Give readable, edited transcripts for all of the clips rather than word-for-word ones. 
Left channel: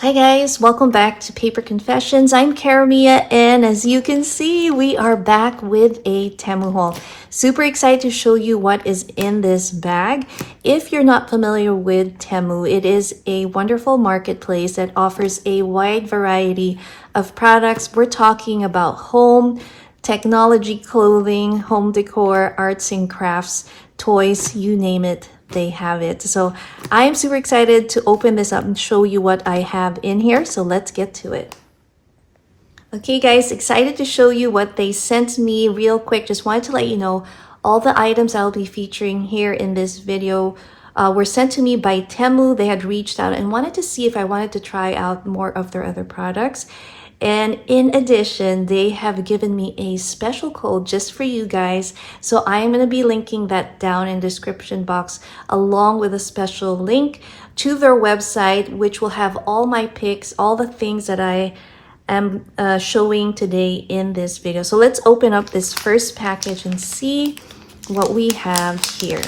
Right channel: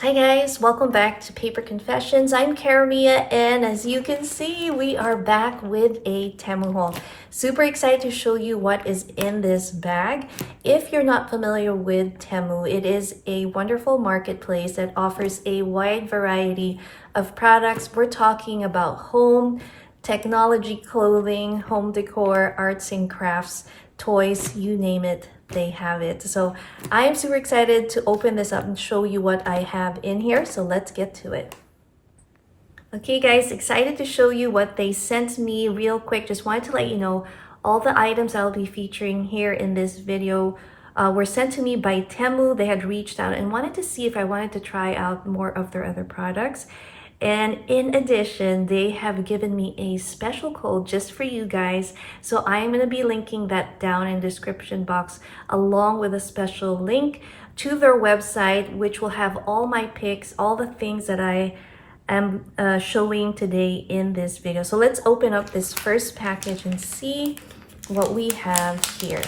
Hi guys, welcome back to Paper Confessions. I'm Karamia, and as you can see, we are back with a Temu haul. Super excited to show you what is in this bag. If you're not familiar with Temu, it is a wonderful marketplace that offers a wide variety of products. We're talking about home, technology, clothing, home decor, arts and crafts, toys, you name it, they have it. So I am super excited to open this up and show you what I have in here. So let's get to it. Okay guys, excited to show you what they sent me real quick. Just wanted to let you know all the items I'll be featuring here in this video were sent to me by Temu. They had reached out and wanted to see if I wanted to try out more of their other products. And in addition, they have given me a special code just for you guys. So I'm going to be linking that down in the description box along with a special link to their website, which will have all my picks, all the things that I am showing today in this video. So let's open up this first package and see what we have here.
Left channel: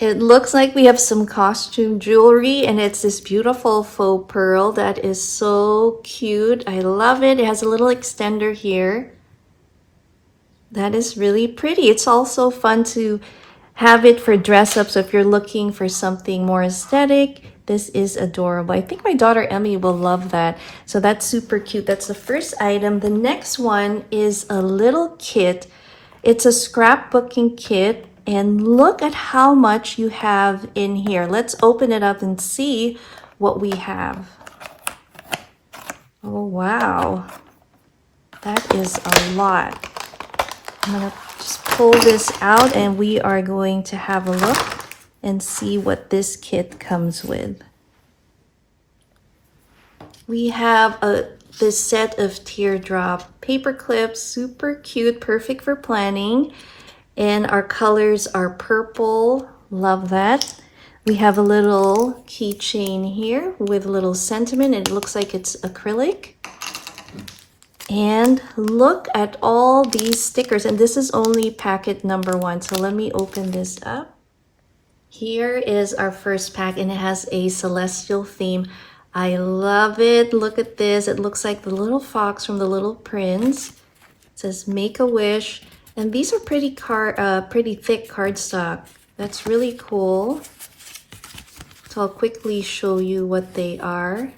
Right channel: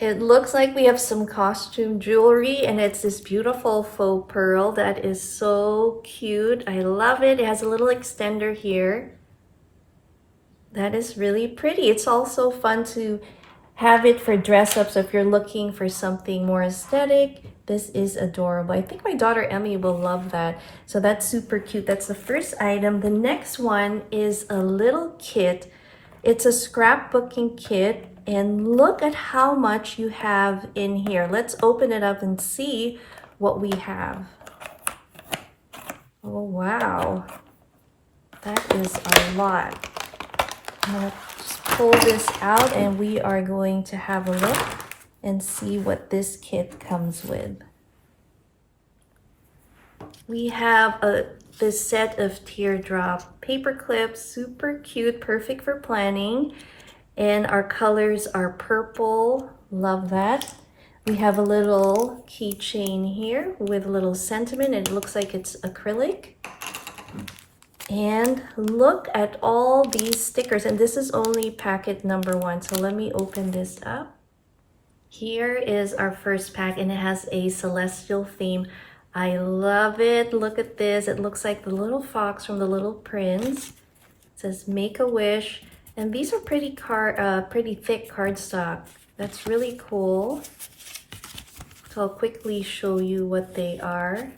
It looks like we have some costume jewelry, and it's this beautiful faux pearl that is so cute. I love it. It has a little extender here. That is really pretty. It's also fun to have it for dress up. So if you're looking for something more aesthetic, this is adorable. I think my daughter Emmy will love that. So that's super cute. That's the first item. The next one is a little kit. It's a scrapbooking kit. And look at how much you have in here. Let's open it up and see what we have. Oh, wow. That is a lot. I'm going to just pull this out and we are going to have a look and see what this kit comes with. We have this set of teardrop paper clips, super cute, perfect for planning. And our colors are purple, love that. We have a little keychain here with a little sentiment. It looks like it's acrylic. And look at all these stickers, and this is only packet number 1. So let me open this up. Here is our first pack, and it has a celestial theme. I love it. Look at this. It looks like the little fox from The Little Prince. It says make a wish. And these are pretty thick cardstock. That's really cool. So I'll quickly show you what they are.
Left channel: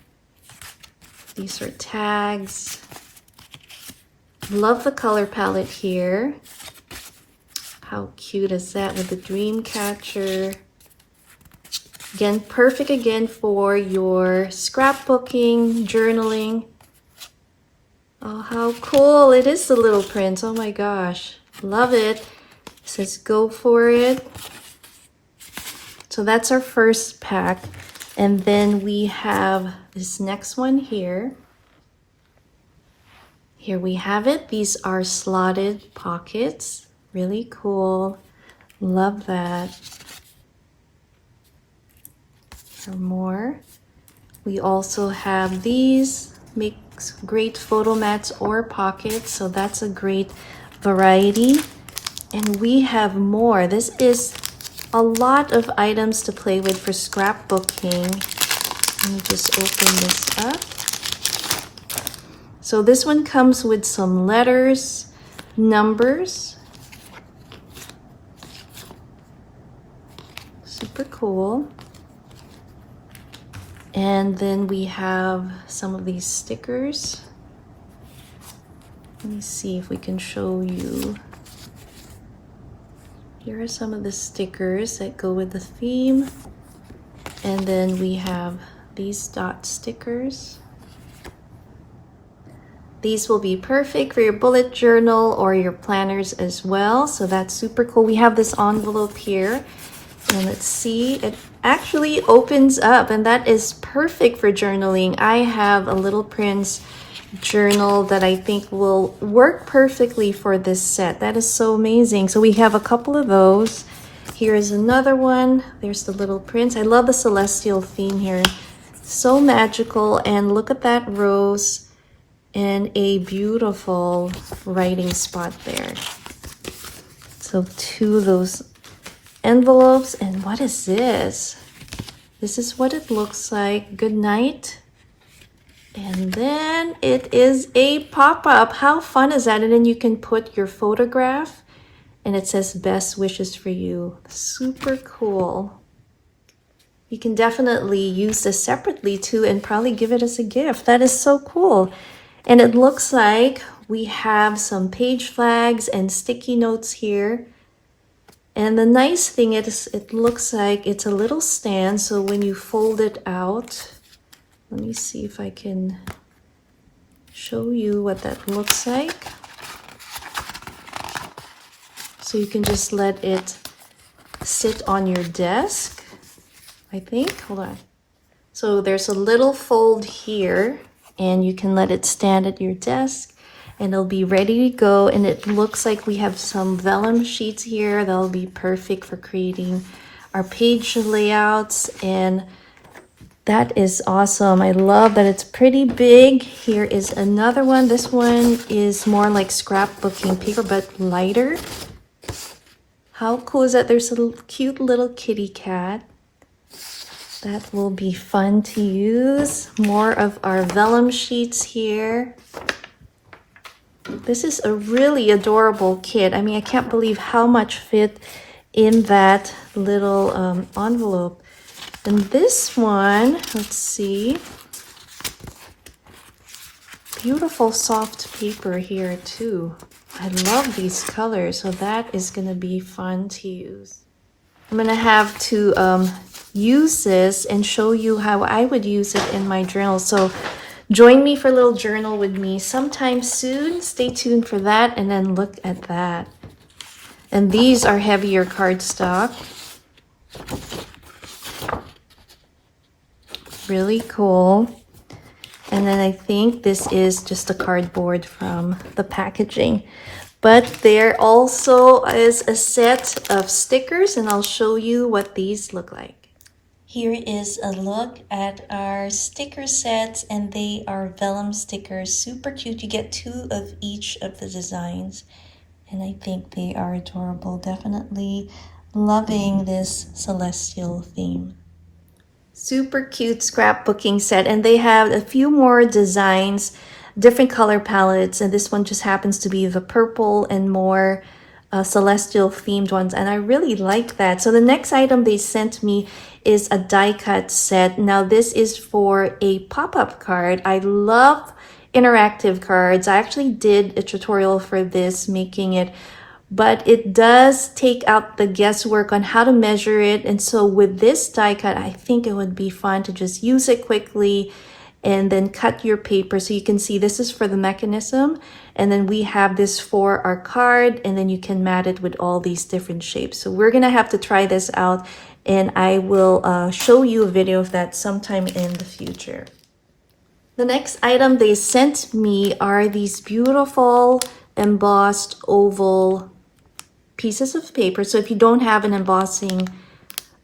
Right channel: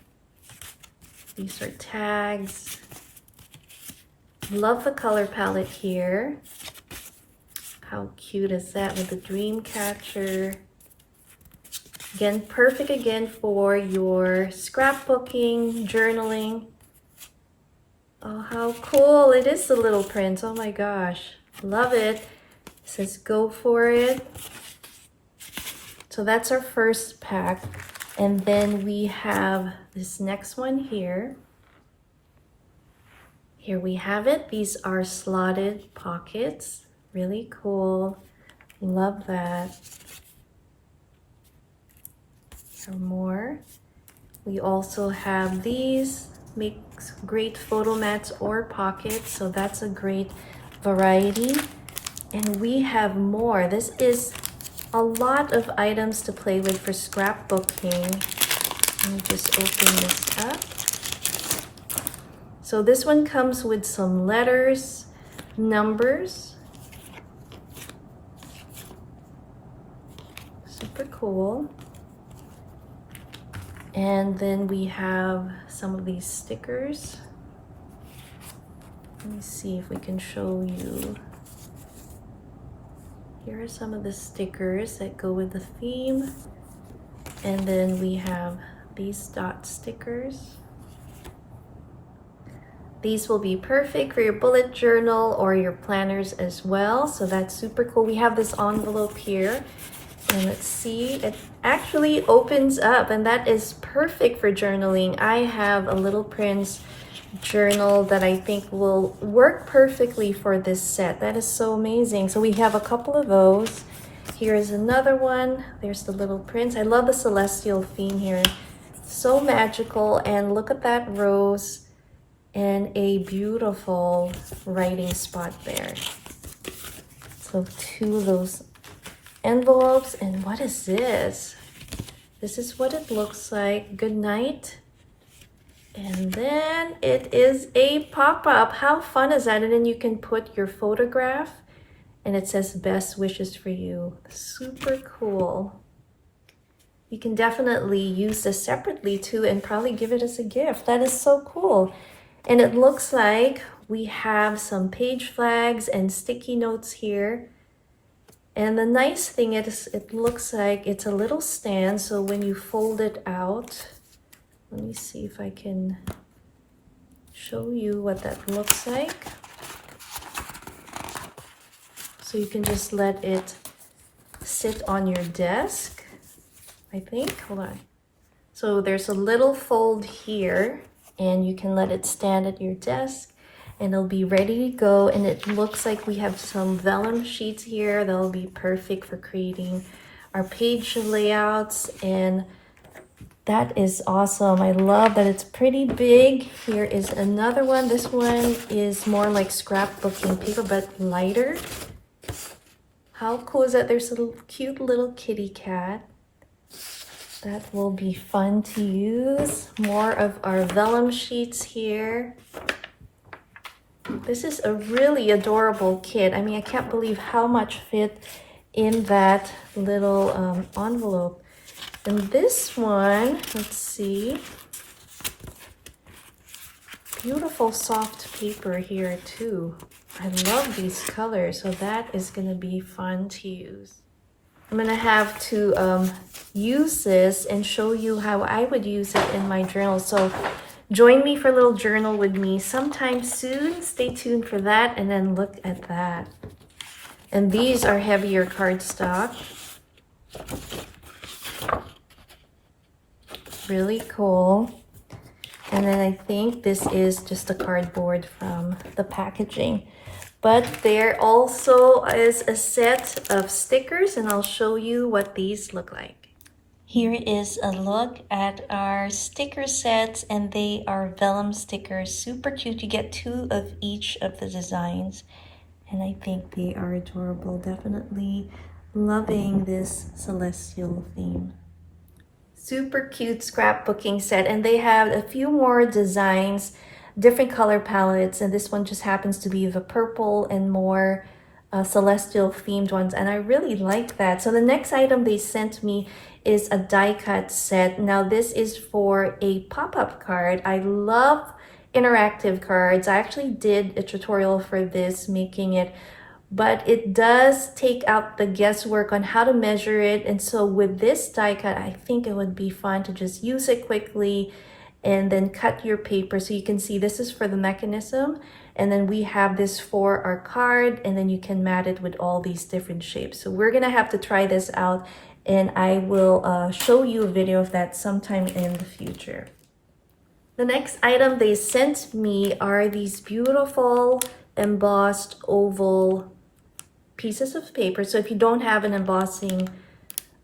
These are tags. Love the color palette here. How cute is that with the dream catcher? Again, perfect again for your scrapbooking, journaling. Oh, how cool. It is The Little Prince. Oh my gosh. Love it. It says go for it. So that's our first pack. And then we have this next one here. Here we have it. These are slotted pockets. Really cool. Love that. For more, we also have these. Makes great photo mats or pockets. So that's a great variety. And we have more. This is a lot of items to play with for scrapbooking. Let me just open this up. So this one comes with some letters, numbers. Super cool. And then we have some of these stickers. Let me see if we can show you. Here are some of the stickers that go with the theme. And then we have these dot stickers. These will be perfect for your bullet journal or your planners as well. So that's super cool. We have this envelope here. And let's see, it actually opens up, and that is perfect for journaling. I have a Little Prince journal that I think will work perfectly for this set. That is so amazing. So we have a couple of those. Here's another one. There's the Little Prince. I love the celestial theme here. So magical. And look at that rose and a beautiful writing spot there. So 2 of those envelopes. And what is this? This is what it looks like. Good night. And then it is a pop-up. How fun is that? And then you can put your photograph and it says best wishes for you. Super cool. You can definitely use this separately too and probably give it as a gift. That is so cool. And it looks like we have some page flags and sticky notes here. And the nice thing is it looks like it's a little stand. So when you fold it out, let me see if I can show you what that looks like. So you can just let it sit on your desk, I think. Hold on. So there's a little fold here and you can let it stand at your desk and it'll be ready to go. And it looks like we have some vellum sheets here that'll be perfect for creating our page layouts. And that is awesome. I love that it's pretty big. Here is another one. This one is more like scrapbooking paper, but lighter. How cool is that? There's a cute little kitty cat. That will be fun to use. More of our vellum sheets here. This is a really adorable kit. I mean, I can't believe how much fit in that little envelope. And this one, let's see. Beautiful soft paper here too. I love these colors, so that is gonna be fun to use. I'm gonna have to use this and show you how I would use it in my journal. So join me for a little journal with me sometime soon. Stay tuned for that, and then look at that. And these are heavier cardstock. Really cool. And then I think this is just a cardboard from the packaging. But there also is a set of stickers, and I'll show you what these look like. Here is a look at our sticker sets, and they are vellum stickers. Super cute. You get 2 of each of the designs, and I think they are adorable. Definitely loving this celestial theme. Super cute scrapbooking set, and they have a few more designs, different color palettes, and this one just happens to be the purple and more celestial themed ones, and I really like that. So the next item they sent me is a die cut set. Now this is for a pop-up card. I love interactive cards. I actually did a tutorial for this, making it, but it does take out the guesswork on how to measure it. And so with this die cut, I think it would be fun to just use it quickly and then cut your paper. So you can see this is for the mechanism, and then we have this for our card, and then you can mat it with all these different shapes. So we're gonna have to try this out, and I will show you a video of that sometime in the future. The next item they sent me are these beautiful embossed oval pieces of paper. So if you don't have an embossing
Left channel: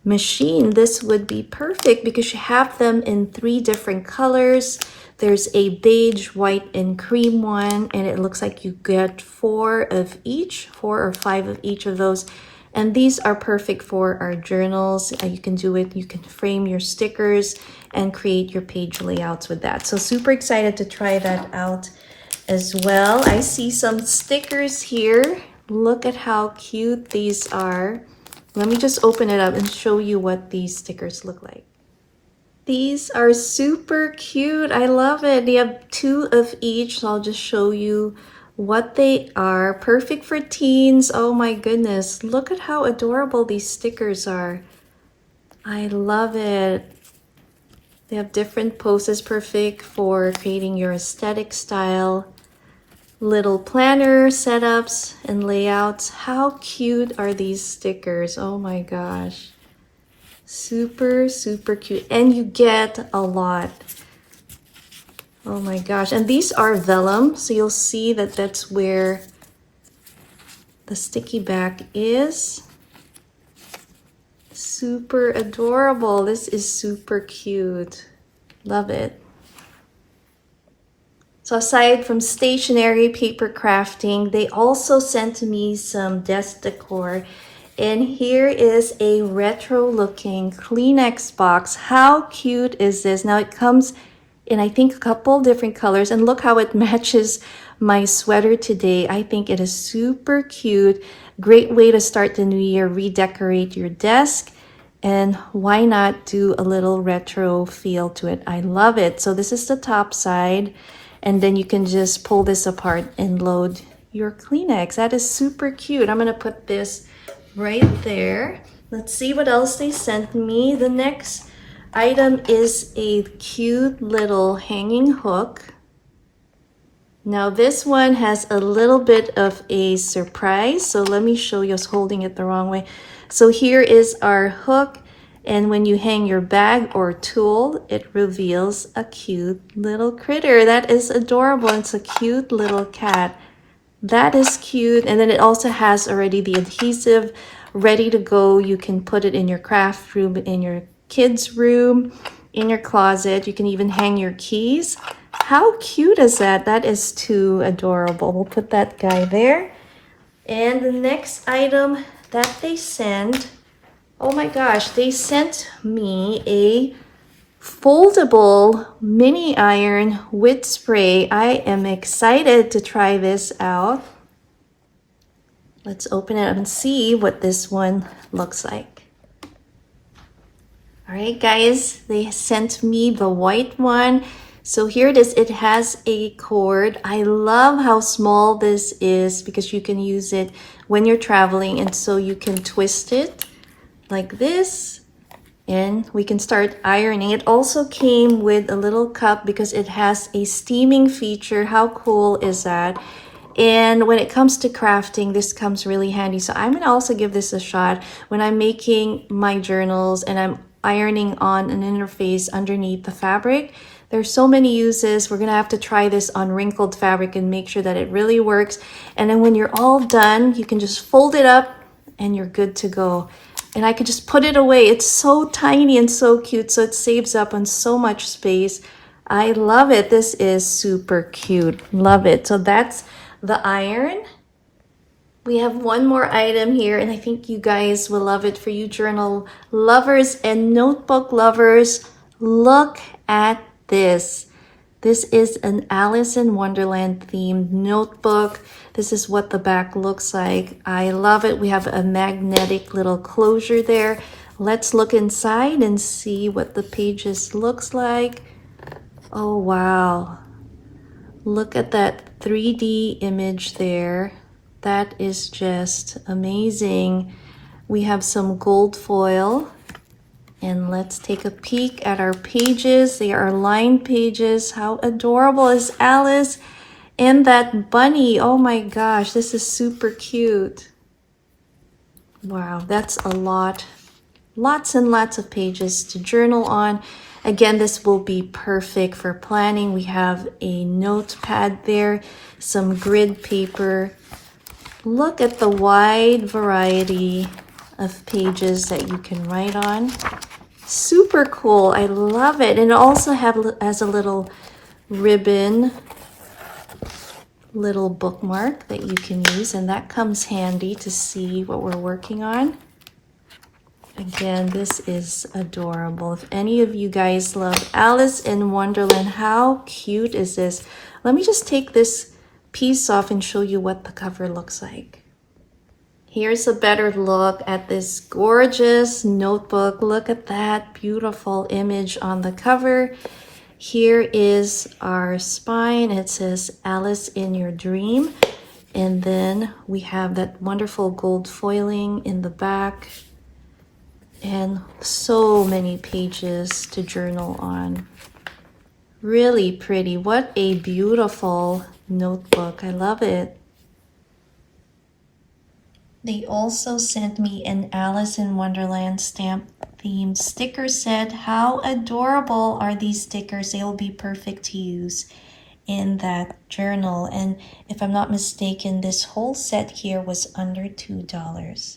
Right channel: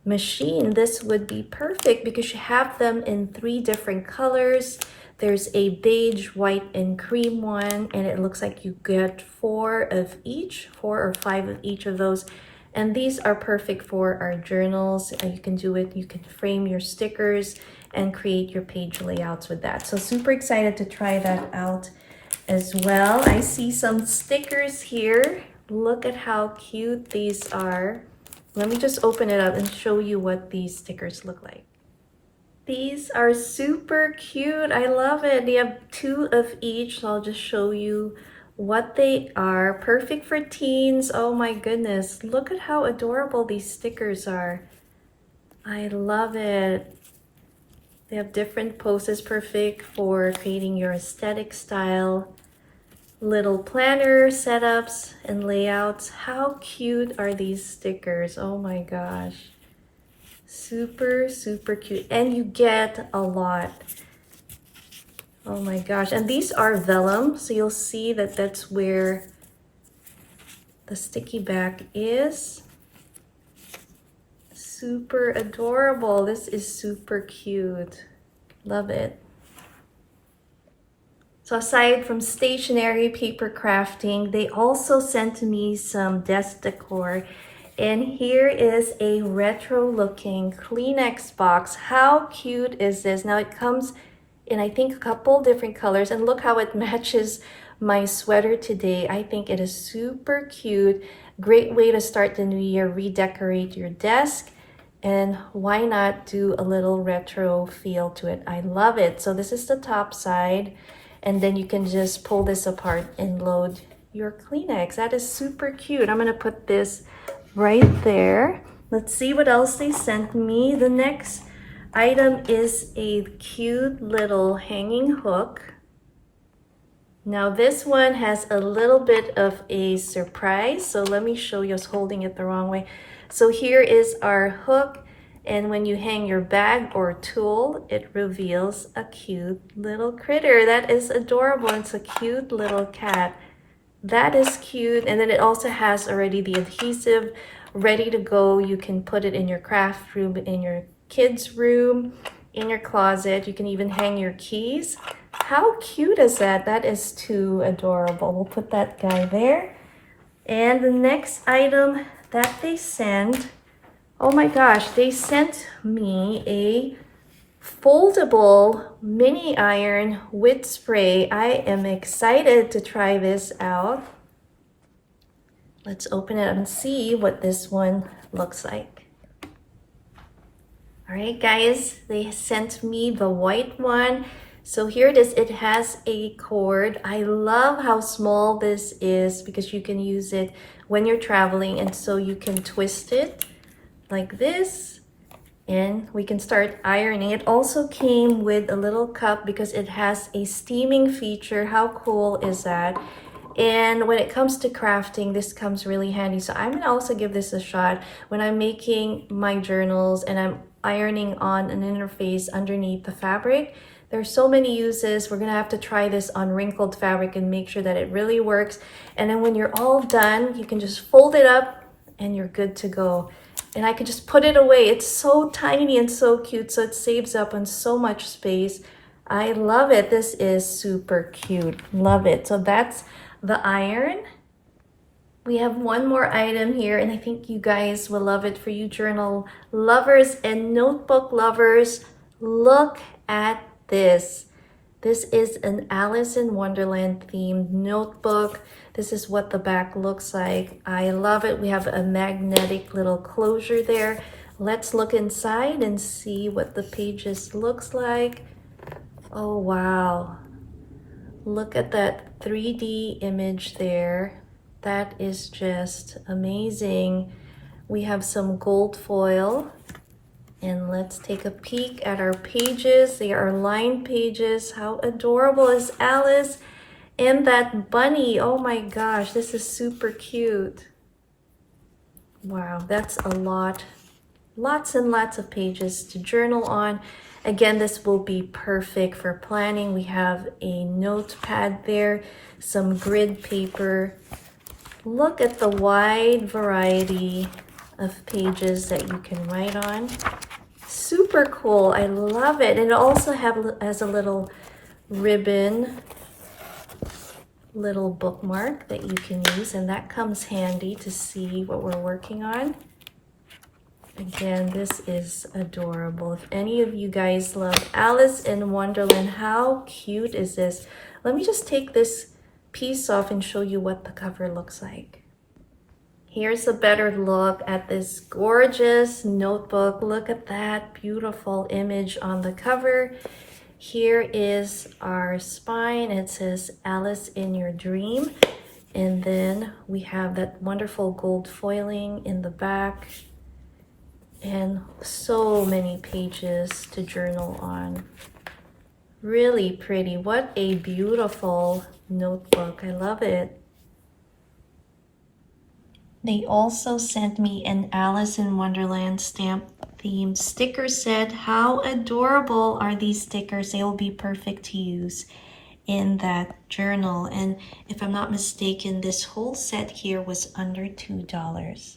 machine, this would be perfect because you have them in 3 different colors. There's a beige, white, and cream one, and it looks like you get 4 of each, 4 or 5 of each of those. And these are perfect for our journals. You can do it, you can frame your stickers and create your page layouts with that. So super excited to try that out as well. I see some stickers here. Look at how cute these are. Let me just open it up and show you what these stickers look like. These are super cute. I love it. They have 2 of each, so I'll just show you what they are. Perfect for teens. Oh my goodness. Look at how adorable these stickers are. I love it. They have different poses, perfect for creating your aesthetic style. Little planner setups and layouts. How cute are these stickers? Oh my gosh. Super, super cute. And you get a lot. Oh my gosh. And these are vellum. So you'll see that that's where the sticky back is. Super adorable. This is super cute. Love it. So aside from stationery, paper crafting, they also sent me some desk decor. And here is a retro looking Kleenex box. How cute is this? Now it comes in, I think, a couple different colors, and look how it matches my sweater today. I think it is super cute. Great way to start the new year, redecorate your desk. And why not do a little retro feel to it? I love it. So this is the top side, and then you can just pull this apart and load your Kleenex. That is super cute. I'm gonna put this right there. Let's see what else they sent me. The next item is a cute little hanging hook. Now this one has a little bit of a surprise. So let me show you. I was holding it the wrong way. So here is our hook. And when you hang your bag or tool, it reveals a cute little critter. That is adorable. It's a cute little cat. That is cute. And then it also has already the adhesive ready to go. You can put it in your craft room, in your kids' room, in your closet. You can even hang your keys. How cute is that? That is too adorable. We'll put that guy there. And the next item that they sent, oh my gosh, they sent me a foldable mini iron with spray. I am excited to try this out. Let's open it and see what this one looks like. All right, guys, they sent me the white one. So here it is. It has a cord. I love how small this is because you can use it when you're traveling, and so you can twist it like this and we can start ironing. It also came with a little cup because it has a steaming feature. How cool is that? And when it comes to crafting, this comes really handy. So I'm gonna also give this a shot when I'm making my journals and I'm ironing on an interface underneath the fabric. There's so many uses. We're gonna have to try this on wrinkled fabric and make sure that it really works. And then when you're all done, you can just fold it up and you're good to go. And I could just put it away. It's so tiny and so cute, so it saves up on so much space. I love it. This is super cute. Love it. So that's the iron. We have one more item here, and I think you guys will love it. For you journal lovers and notebook lovers, look at this. This is an Alice in Wonderland themed notebook. This is what the back looks like. I love it. We have a magnetic little closure there. Let's look inside and see what the pages looks like. Oh, wow. Look at that 3D image there. That is just amazing. We have some gold foil. And let's take a peek at our pages. They are lined pages. How adorable is Alice and that bunny? Oh my gosh, this is super cute. Wow, that's a lot. Lots and lots of pages to journal on. Again, this will be perfect for planning. We have a notepad there, some grid paper. Look at the wide variety of pages that you can write on. Super cool. I love it. And it also has a little ribbon, little bookmark that you can use, and that comes handy to see what we're working on. Again, this is adorable. If any of you guys love Alice in Wonderland, how cute is this? Let me just take this piece off and show you what the cover looks like. Here's a better look at this gorgeous notebook. Look at that beautiful image on the cover. Here is our spine. It says Alice in Your Dream. And then we have that wonderful gold foiling in the back. And so many pages to journal on. Really pretty. What a beautiful notebook. I love it. They also sent me an Alice in Wonderland stamp themed sticker set. How adorable are these stickers? They will be perfect to use in that journal. And if I'm not mistaken, this whole set here was under $2.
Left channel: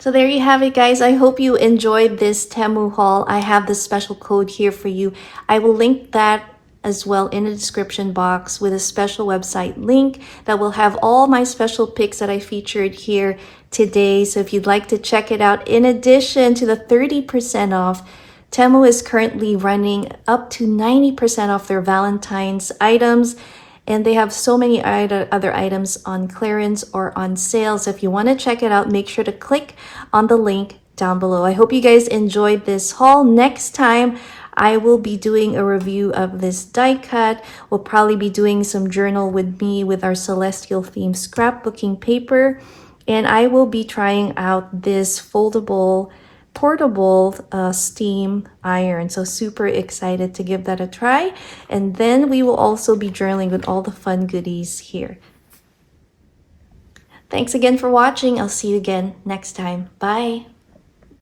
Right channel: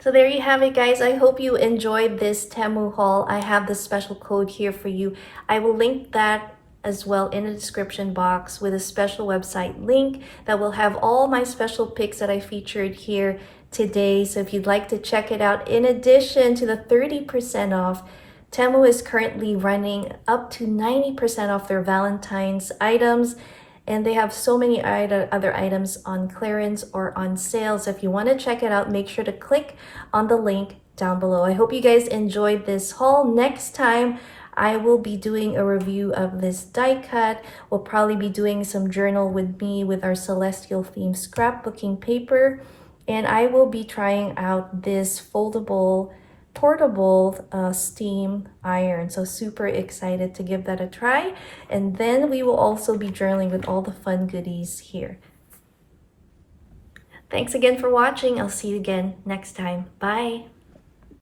So there you have it, guys. I hope you enjoyed this Temu haul. I have this special code here for you. I will link that as well in the description box with a special website link that will have all my special picks that I featured here today. So if you'd like to check it out, in addition to the 30% off, Temu is currently running up to 90% off their Valentine's items, and they have so many other items on clearance or on sale. So if you want to check it out, make sure to click on the link down below. I hope you guys enjoyed this haul. Next time, I will be doing a review of this die cut. We'll probably be doing some journal with me with our celestial theme scrapbooking paper. And I will be trying out this foldable, portable steam iron. So super excited to give that a try. And then we will also be journaling with all the fun goodies here. Thanks again for watching. I'll see you again next time. Bye.